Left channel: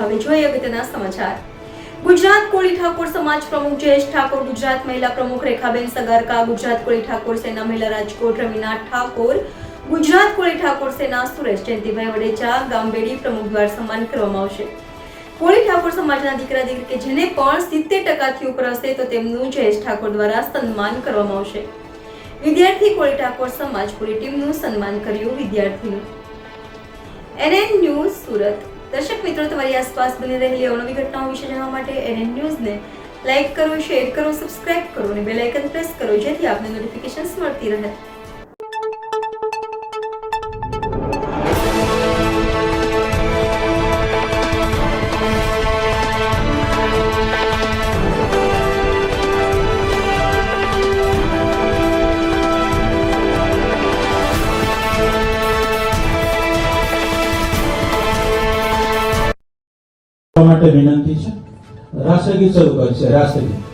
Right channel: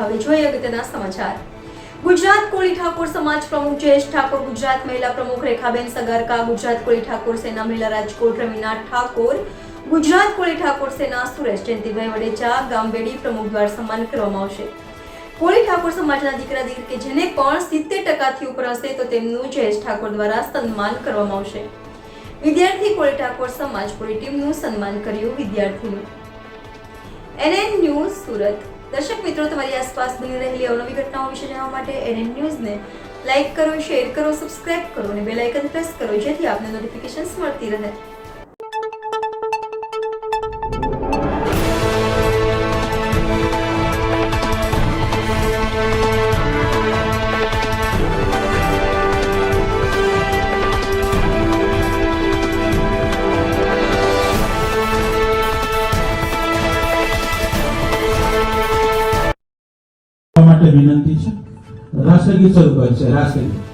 હવે જોઈએ અગત્યના સમાચાર। ગુજરાત કોળી ઠાકોર સમાજ પ્રમુખ જયેશ ઠાકોર, ગુજરાત મહિલા પ્રમુખ રેખાબેન સગારકા, ગુજરાત કોળી ઠાકોર સેના મહિલા રાજકોટ રમીના ઠાકોર, ગુજરાત કોળી ઠાકોર સેના સુરેશ જયંતિભાઈ વડેચા ગામબેડી પ્રમુખ દ્વારા સન્માન કરવામાં આવશે। કોળી ઠાકોર સમાજના દીકરા દીકરી કે જેને પણ 70% ઉપર હશે તો તેમનું જયેશ ઠાકોર દ્વારા સન્માન કરવામાં આવશે। વિદ્યાર્થી કોળી ઠાકોર સમાજ પૂરી ટીમનું સન્માન કર્યું। વિદ્યાર્થીનું NN ન્યૂઝ સુરત। દર્શક મિત્રો, તમારી આસપાસ બની રહેલી અવનવી ઘટનાઓ વિશે જાણવા માટે NN ન્યૂઝને લાઇક કરો, શેર કરો, સબસ્ક્રાઇબ કરો અને બેલ આઇકન પ્રેસ કરો જેથી આપને નોટિફિકેશન્સ મળતી રહે। માટે વિનંતી છે। રાષ્ટ્રગીત શરૂ કરશે। રાષ્ટ્રગીત